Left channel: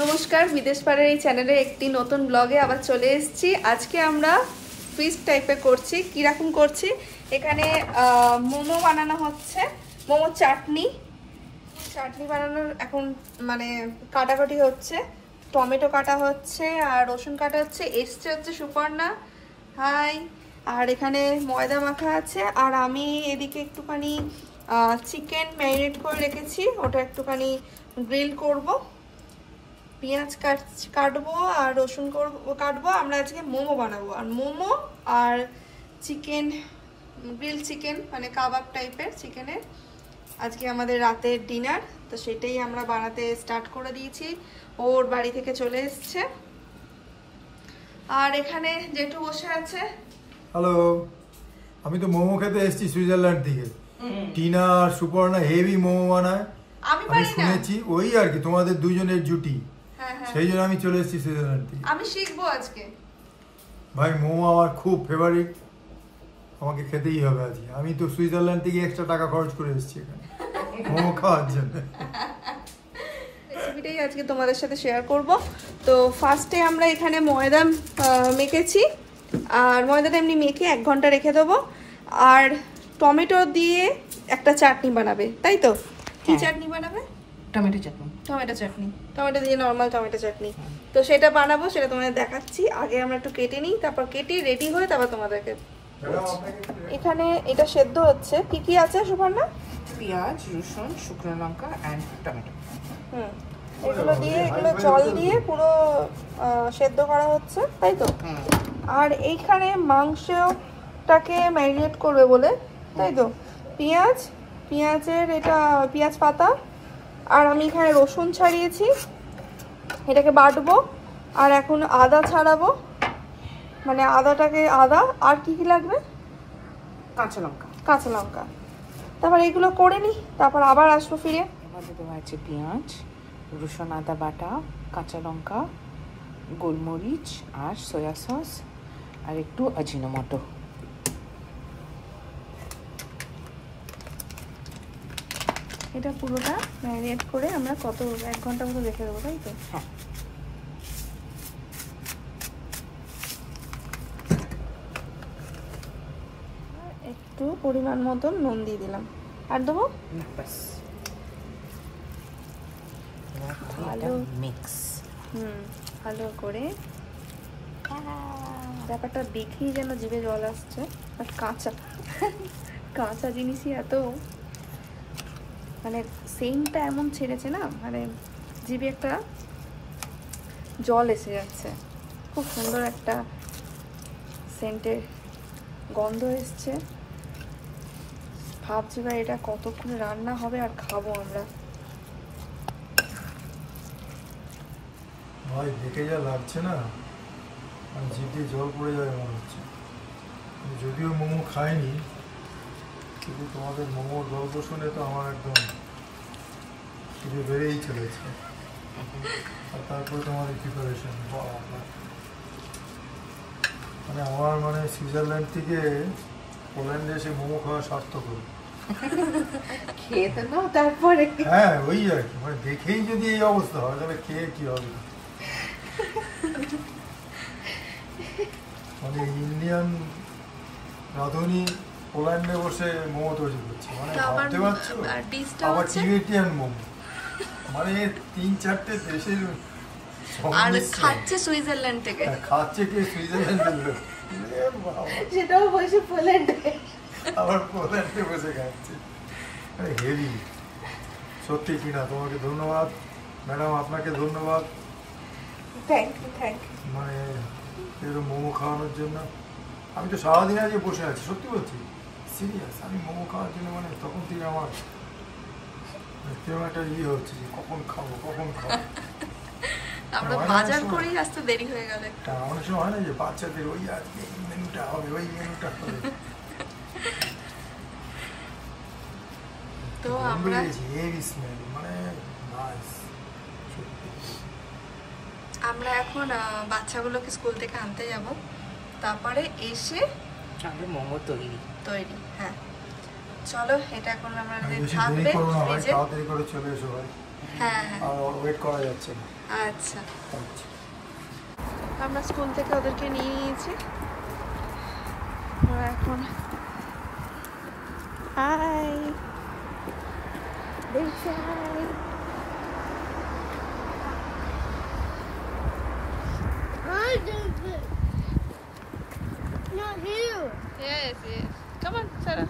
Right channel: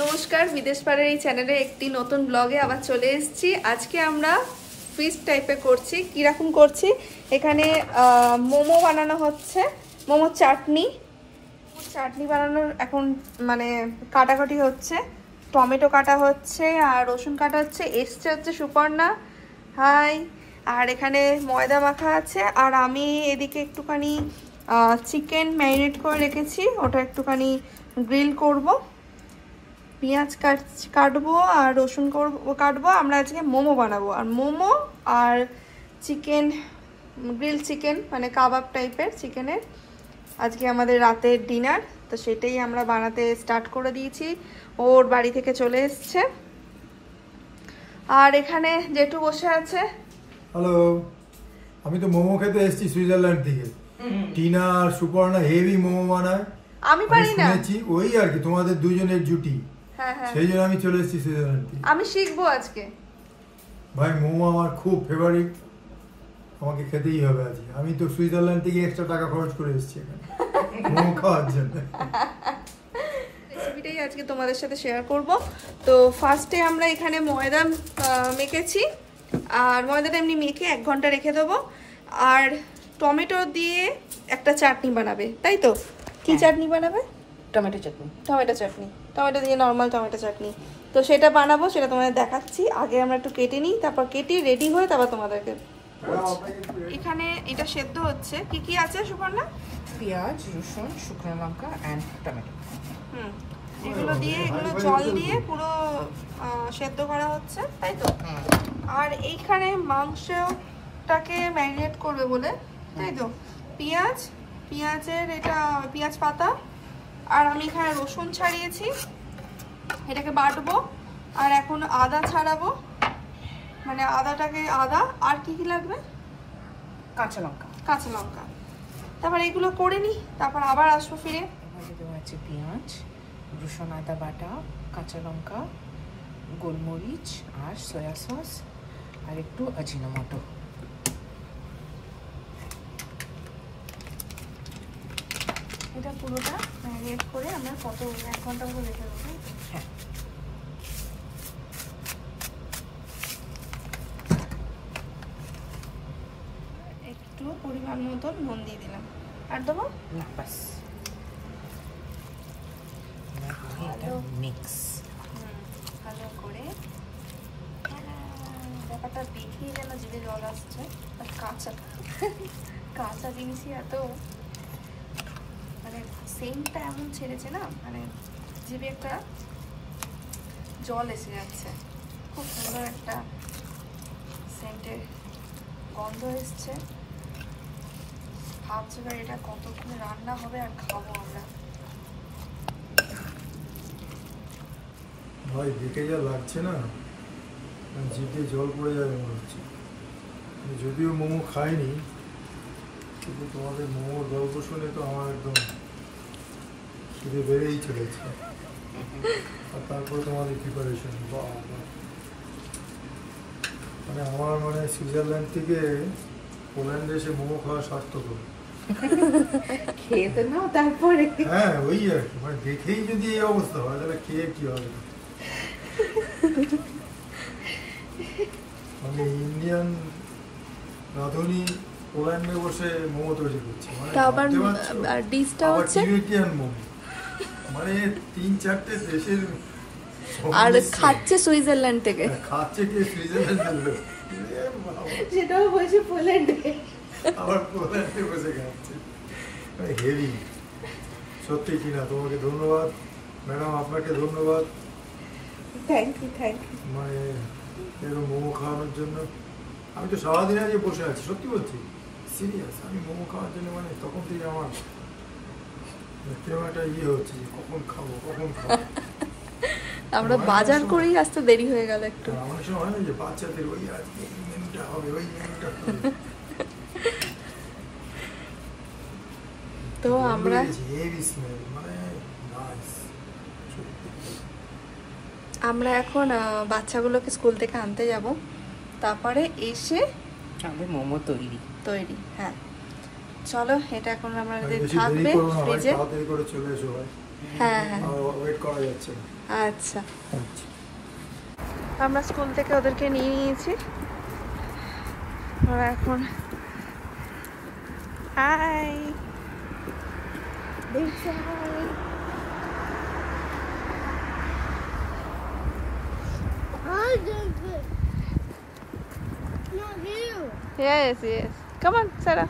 নমস্কার, বিদেশ পাড়ার এই চ্যানেলে একটি নতুন ব্লগে আবার চলে এসেছি। আজকে আমরা ফিশ টাইপে করছি। কিরকম করছি, এখানে মোমো বানানো হচ্ছে, মোমো চাটনি বানানোর এখন মানে কাটাকাটি হচ্ছে। টমেটো কাটা হচ্ছে আর রসুন কাটা হচ্ছে। এসছে হচ্ছে সুপর্ণা, হাই। আর এখানে ময়দা মাখা আছে। আর আমি এদিকে একটুখানি চিকেন ম্যারিনেট করে রেখেছি, ওটা একটুখানি গ্রিল করব। পেঁয়াজ কাটবো আর রসুন কাটবো। আমরা আজকে মোমো বানাবো, আর মোমো আর চিকেন, গ্রিল চিকেন মানে কাবাব টাইপের চিকেনের আজকে আমাদের রাতের ডিনার। তো সেটাই আমরা বানাতে স্টার্ট করে দিয়েছি। ওর বাড়ি থেকে চলে এসছে। আর এখানে জেঠু বসে আছে। হ্যালো, আমি তো মোমো খেতে এসেছি সুইজারল্যান্ড থেকে। টিনা আর সুপর্ণা হেভি মোমো বানায়, আমি পারি না, শুনেছি ওই আর কি তোমাদের দুজনের জুটি। হ্যাঁ হ্যাঁ, সেই জন্য আমি চলে এসেছি সুইজারল্যান্ড থেকে। আমি শিখবো আজকে। ভাই মোমো আমার খুব ফেভারিট, আমাকে খেতেই হবে আজকে। আমি তো সুইজারল্যান্ড থেকে এক্সট্রা টাকা খরচ করে এসেছি এখানে মোমো খাওয়ার জন্য। রেসিপিটাই আজকে তোমাদের সাথে শেয়ার করব। তো ফার্স্টে আমরা এখানে ময়দা মেখেছি, আর ময়দাটা এমনি মেখে 1 ঘন্টা রেখে দেবো। আর টমেটো দিয়ে একটা চাটনি বানাবে, তাই তো? কি চাটনি বানাবে? টমেটো চাটনি। টমেটো দিয়ে নর্মাল টমেটো চাটনি। তো সেটা বানাবো, সেটা তোমাদের দেখাচ্ছি। আগে আমরা একটু কেটে নিই, তারপর কেটে রেডি হয়ে তারপর তোমাদেরকে। এখানে এটা সেদ্ধ হচ্ছে। কি কি আছে সুপর্ণা? পেঁয়াজ, রসুন, শুকনো লঙ্কা এন্ড টমেটো। এগুলো দিয়ে, এগুলো জল দিয়ে পুরো সেদ্ধ করা হচ্ছে, তাই তো? আর এইখানে মাংসটাকে ম্যারিনেট করবে বলে, তাই তো? পেঁয়াজের এটা পেঁয়াজ পাতা, আর আমি এখানে রসুন ছাড়িয়েছি, এটাকে বাটবো। আর এখন আদা ছাড়াবো, মানে আদা আর কি কি লাগবে? কাঁচা লঙ্কা। তারপর এগুলো করে নিই, তারপর আবার আসবো ফিরে। দেওয়া আছে পেঁয়াজ, রসুন, আদা বাটা, কাঁচা লঙ্কা, গোলমরিচ আর সয়া সস আর একটু আজিনোমোটো। এটা পুরোটা ম্যারিনেট করে আমরা 1 ঘন্টা মতো রেখে দেবো, তাই তো? হ্যাঁ। একটু পরিমাণ মতো নুন দিয়ে দিলাম, আর দেবো না, বাস। মিক্স ভালো করে। ব্যাপারটা দেখি যেন জিভে জল আসছে। আর কাঁচা জিনিসই এত মানে সেন্টটা এমন ছেড়েছে না, মানে জিভে একটা জল এসে যাচ্ছে। খুব সুন্দর একটা সেন্টের গন্ধ এসছে। ভাবছি ভাই এটা কতক্ষণে রান্না হবে আর খাবো আমরা। ভাই দেখে যা লাগছে না, জিভে জল পড়ে যাবে মনে হচ্ছে। যদিও মোমো খাইনি, কিন্তু তোমাদের মোমোর গল্প শুনে তো আমার একদম খিদে বেড়েই চলেছে। আর তারপরে তোমাদের প্রিপারেশন, মানে আমার মানে সুইজারল্যান্ড থেকে পোল্যান্ডে এসে মোমো খাওয়া সার্থকর। খেয়ে তো নাও তারপরে। হ্যাঁ ওই আর কি, মানে দেখেই যদি এই অবস্থা হয় তাহলে খেয়ে কি হবে। আমি ইন্ডিয়ান রাঁধুনি পোল্যান্ডে বসে মোমো তৈরি করছে, মানে ভাবতে পারছো? আবার টিবেটিয়ান মোমো, মানে 3-4টে দেশের আর খাচ্ছে সুইজারল্যান্ড থেকে। খাচ্ছে কে? সুইজারল্যান্ড, সেটাও বসে পোল্যান্ডে, আবার পোল্যান্ডে বসে খাচ্ছে। মানে হেভি সত্যি। কিনা তোমাকে ধন্যবাদ ম্যাডাম, আপনাকে ধন্যবাদ। Thank you. মানে এরকম মোমো খাওয়ানোর জন্য। আমি তো সারাদিন আগে বসে আছি, সত্যি বলছি, সিরিয়াস। আমি মোমো খাওয়ার জন্য মানে তখন থেকে আমার কেউ একটা হচ্ছে যে কখন খাবো। আমরা বাজার করেই আসতে দেরি হয়ে গেল একটু। অনেক সময় হয় না যে বাচ্চাদের ওই আজকে মেনুটা হবে, ওই মেনুটা হবে। তো আমরা এখন বাচ্চাগুলোকে স্কুল থেকে আনতে যাব, তারপরে এসে মোমো তৈরি। হ্যাঁ চলো, এটা এখন আমাদের থাকবে ফ্রিজে। তাড়াতাড়ি করে চলে এসো ভাই। হ্যাঁ ওয়েট করা যাচ্ছে না। আচ্ছা, আমরা স্কুল থেকে ওদেরকে নিয়ে নিয়েছি। ওরা এখন হাই দেখছে, high yes yes come on Sarah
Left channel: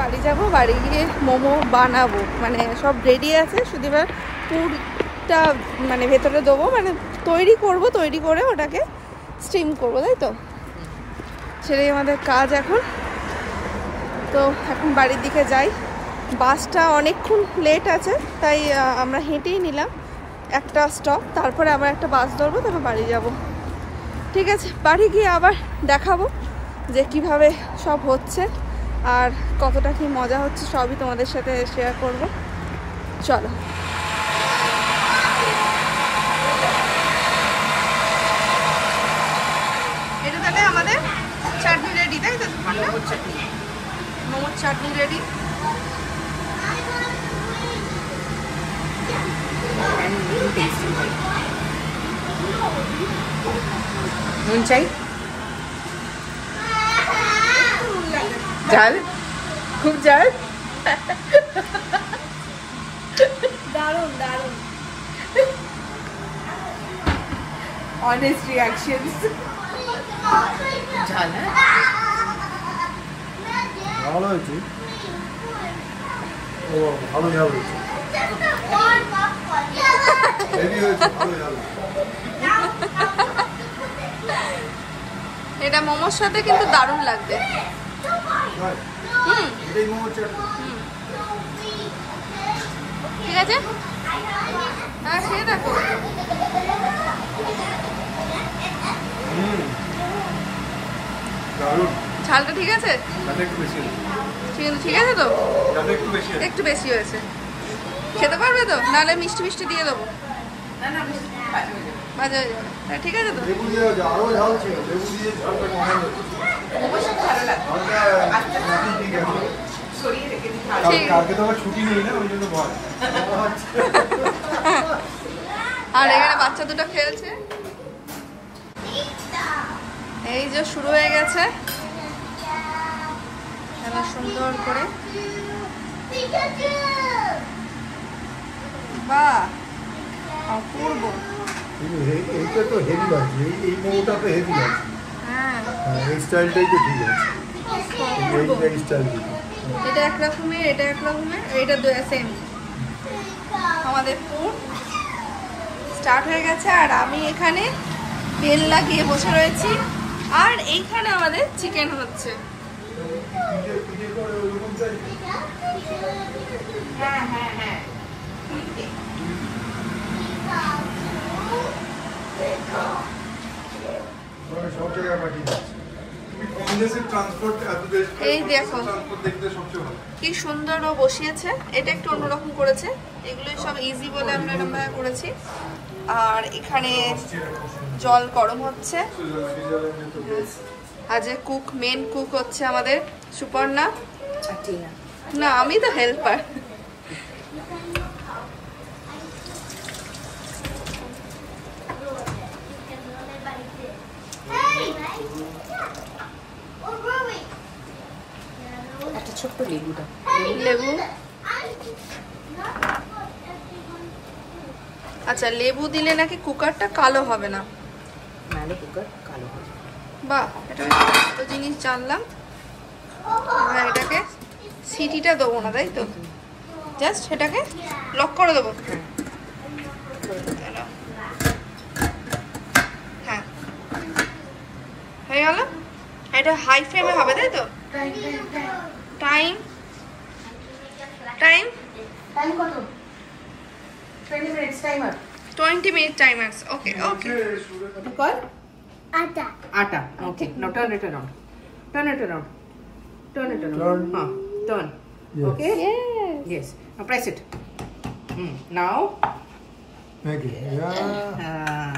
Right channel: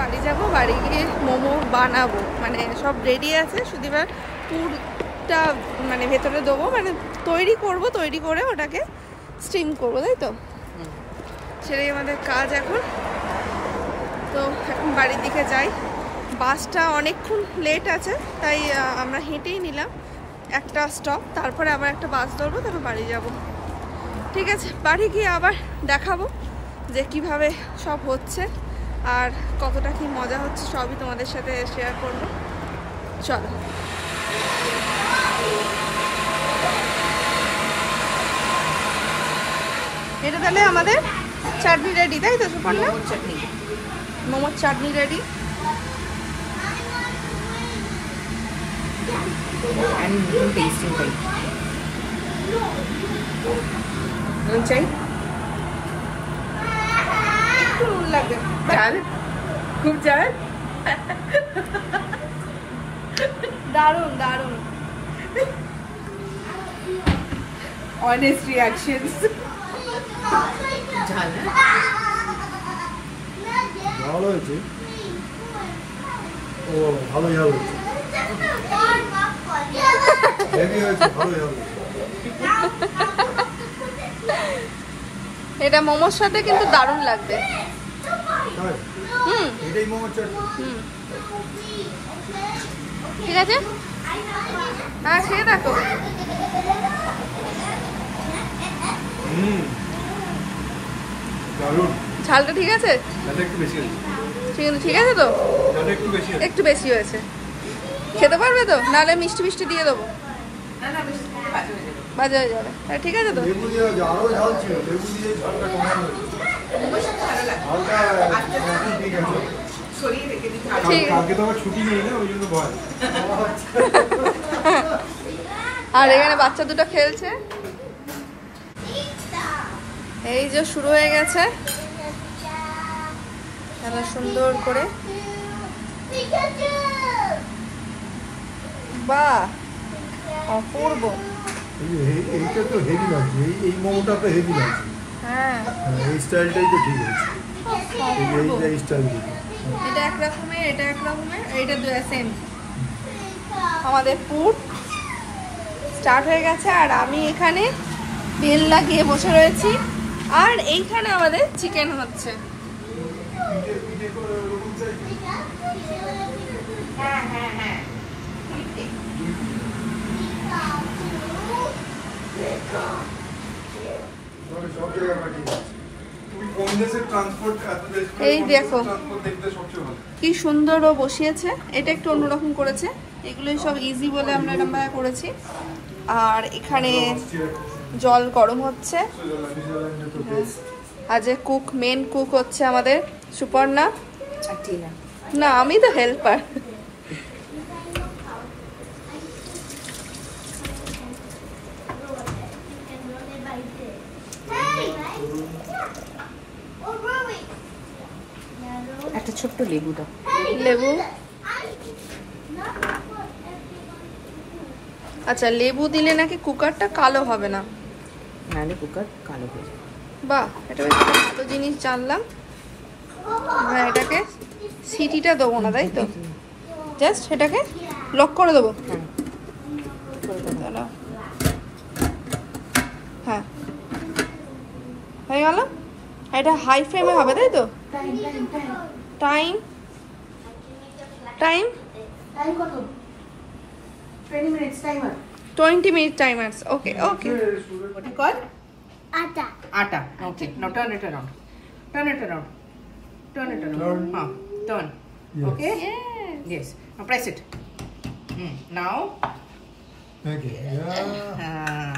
বাড়ি যাবো, বাড়ি গিয়ে মোমো বানাবো, মানে সব রেডি আছে, শুধু এবার পুরটা মানে ভেতরে দেবো, মানে তৈরি করব, তৈরি করে ওটাকে স্টিম করবো, তাই তো সেটাই আমাদের কাজ এখন। তো এখন বাড়ির দিকে যাই, বাসটা অনেকক্ষণ লেট আছে, তাই আমরা হেঁটেই নিলাম একটা স্টপ, তারপরে আবার একটা বাস ধরবো, তারপর বাড়ি যাব। ঠিক আছে, বাড়ি গিয়ে আবার দেখাবো যে কিভাবে সব হচ্ছে আর কতটা কি মজা হচ্ছে, সবই তোমাদের সাথে শেয়ার করব। চলো, এটা তাহলে আমাদের চাটনি রেডি, তাই তো সুপর্ণা? চাটনি, মোমোর চাটনি রেডি। নুন চাই, একটু নুন লাগবে, ঝাল, খুব ঝাল, দারুণ দারুণ। honest reactions. ঝাল ভালো হয়েছে, ও ভালো ঝাল হয়েছে, হেভি হয়েছে, ভালো ঝাল হয়েছে। এটা মোমোর সাথে কিন্তু দারুণ লাগবে। তাই? হুম এটাই মোমোর চাটনি। হুম, ঠিক আছে, হ্যাঁ খেয়ে দেখো। দারুণ, ঝালটা ঠিক আছে? যাতে একটু বেশি হয়েছে, ঠিক আছে তো? যাতে একটু বেশি হয়েছে। একটু বেশি হয়েছে, খেতে পারবে তো? নাহলে মিষ্টি মিষ্টি দিয়ে দেবো, বাজে হয়ে যাবে। ঠিক আছে তো? লেবু দিয়ে দাও, আরো ঝাল ছিল, লেবু দিয়ে ঝালটা কমানো ঝালটা ঠিক আছে। ঠিক। কালকে তো আমার ছুটি নেই না, ওই জন্য ভয়। আর এখানে বাচ্চা দুটো খেলছে, এই যে শুরু হয়ে গেছে খেলা সুন্দর করে। বাহ, অপূর্ব। এইটা তো হেভি লাগছে, এই মোমোটা তো হেভি লাগছে। হ্যাঁ, এই স্টাইলটাই তো ঠিক আছে, অপূর্ব। এই স্টাইল দিতে। এটা এক রকমের, এটা এক রকমের, এইটা সেম। আমাদের পুর স্টার্ট হয়ে গেছে আর আমি এখানে বেল লাগিয়ে বসে রয়েছি, আর এইখানে আমাদের চিকেন হচ্ছে। হ্যাঁ হ্যাঁ হ্যাঁ, সব জায়গায় পাঠিয়ে দিচ্ছি। কোন দেশের ট্রান্সপোর্ট এত দেশ, এই দেখো ট্রান্সপোর্ট দেখতে সবচেয়ে ভালো। কি সুন্দর ও বসিয়েছে, এটা একটু অন্যরকম করেছে, এগুলোই সব ইজি বলে আমরা এরকম ভাবে করেছি। আর এখানে জল গরম হচ্ছে, আজ কুক, মেন কুক হচ্ছে আমাদের সুপর্ণা। না, আমি তো হেল্পার। একটা ছোট্ট লেবু দাও, লেবু, আচ্ছা লেবু দিলে নাকি কুকারটা কালো হবে না, নাহলে কুকার কালো হয়ে যাবে। বাহ, এটা বেশ এত জিনিস জানলাম। এবার এটাকে সিটিটা দেবো না, তাই তো? জাস্ট এটাকে লক করে দেবো। হ্যাঁ, হয়ে গেল। এটা হাই ফ্লেমে হবে, তাই তো? টাইম টাইম কত? 20 minutes timer. 20 minute timers. Okay, okay. What you call? Atta. Atta. Okay. Now turn it around. Turn it around. Turn it around. Turn. Turn. Yes. Okay? Yes. Yes. Now press it. Now. Okay. Yeah.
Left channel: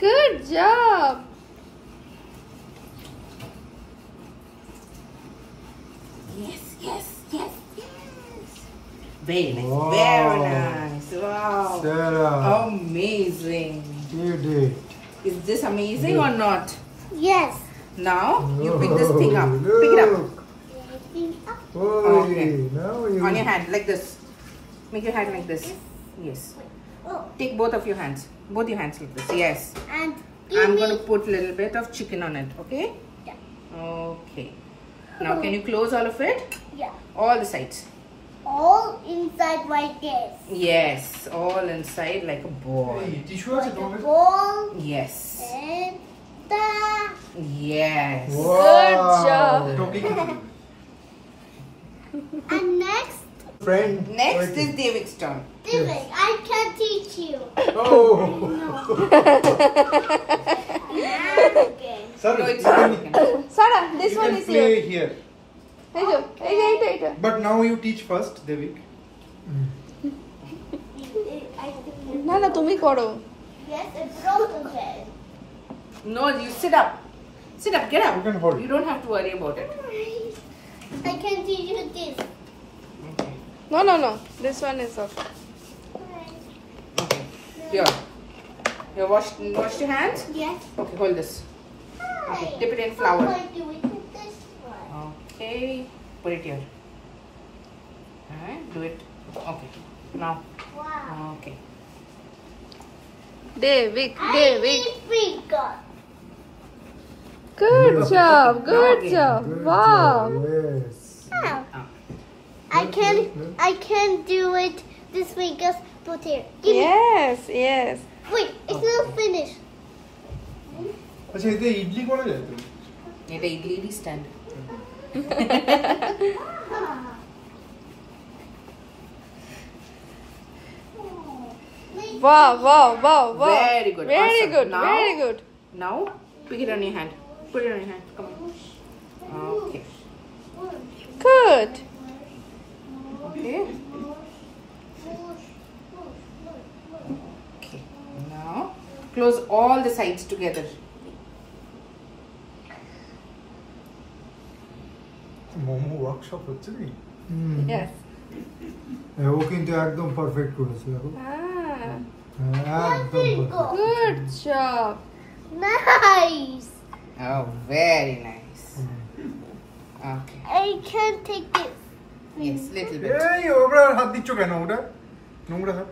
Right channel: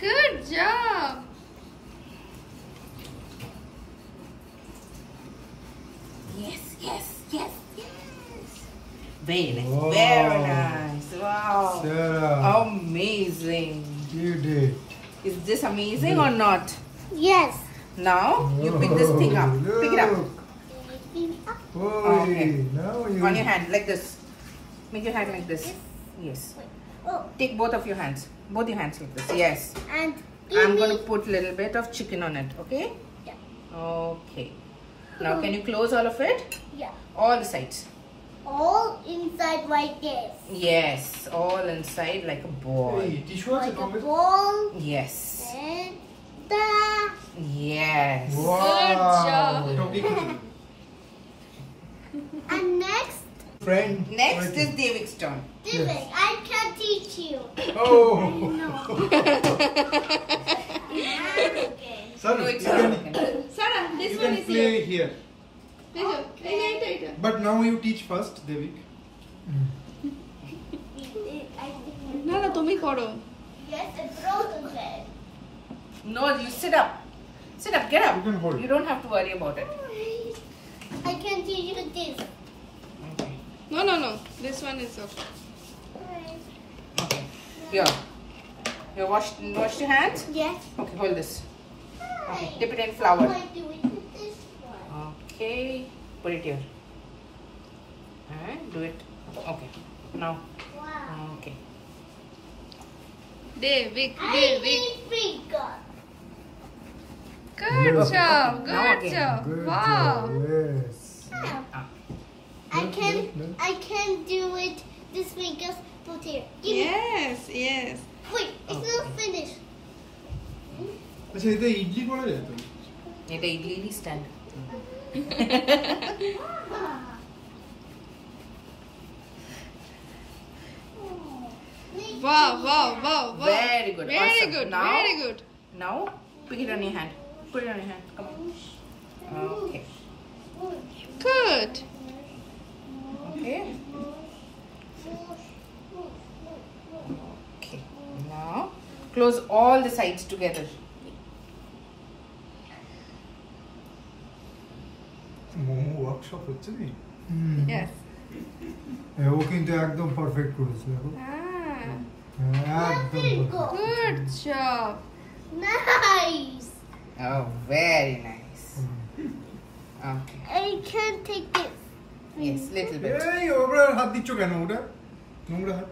Good job. Yes, yes, Yes, yes. Very nice. Wow. Very nice. Wow. Sarah, Amazing. you did. Is this amazing or not? Yes. Now you pick this thing up. Pick it up. Oh, Okay. now you. On your hand, like this. Make your hand like this. Yes. Oh, Take both of your hands. Both your hands like this. Yes. and I'm give going me. to put a little bit of chicken on it. Okay? Yeah. Okay. Now can you close all of it? Yeah. All the sides. All inside like this. Yes. All inside like a ball. Hey, tissue আছে Like a তোমার? ball Yes. and that. Yes. Wow. Good job. And next, Friend. Next Okay. is Davik's turn. David, I can teach you. Oh. No. Okay. Sir, No, it's you not can, chicken. Sarah, this you one can is play here. here. এইটা But now you teach first, Devik. I think না না তুমি করো yes, it's broken head. No, you sit up. Sit up. Get up. You can hold. You don't have to worry about it. I can teach you this. Okay. no no no this one is okay Okay. Here. You washed your hands? Yes. Okay, hold this. Okay, dip it in flour. I'm going to do it with this one. Okay, put it here. Alright, do it. Okay, now. Wow. Okay. David I David need finger. good Good. job Now good again. job Good wow job, yes. Ah. I can do it this way. Just put it. Give me. yes yes Wait, it's not finished. আচ্ছা এতে ইডলি করা যায় তো? এটা idli stand wow wow wow wow Very good, very awesome. good Now- very good Now, pick it on your hand. Put it on your hand. Come on. Okay. good Okay. Okay. Now, close all the sides together. Momo workshop হচ্ছে কি? yes ও কিন্তু একদম perfect করেছে দেখো। ah একদম perfect। good job Nice. Oh, very nice. Okay. I can take this. Yes, little bit. এই ওরা হাত দিচ্ছ কেন ওটা? নোংরা হাত।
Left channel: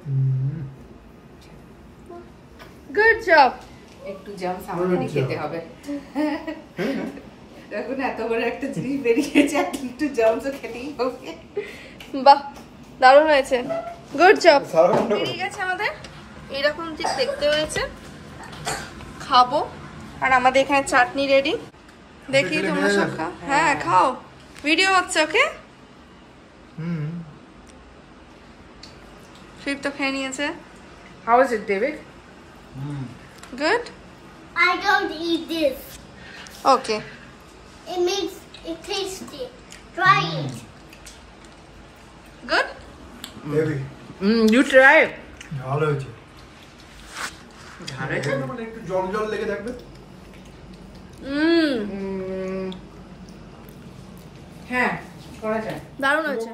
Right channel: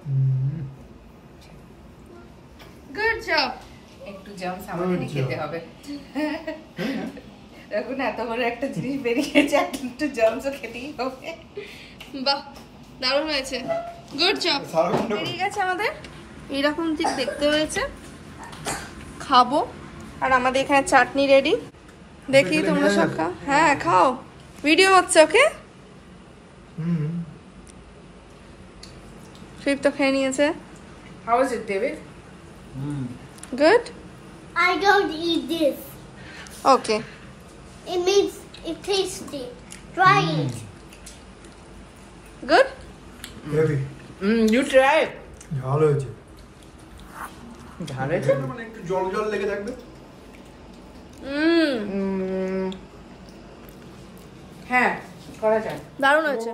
good job একটু জামস আমাকে Good খেতে job. হবে এখন এত বড় একটা জিনিস বেরিয়েছে একটু জামসও খেতেই হবে বাহ দারুণ হয়েছে গুড জব সারাক্ষণ বেরিয়ে গেছে আমাদের এইরকম ঠিক দেখতে হয়েছে খাবো আর আমাদের এখানে চাটনি রেডি দেখি খেলে তোমরা নেওয়া সব যাবে? খাও হ্যাঁ খাও ভিডিও হচ্ছে ওকে হুম। ফির তো খেয়ে নিয়েছে How is it, David? Good I don't eat this. Okay It means it tasty. Try it. Good heavy You try it. ভালো হয়েছে। ঝাল হয়েছে? মানে একটু জল জল লেগে থাকবে। হুম হ্যাঁ, করা যায়। দারুণ হয়েছে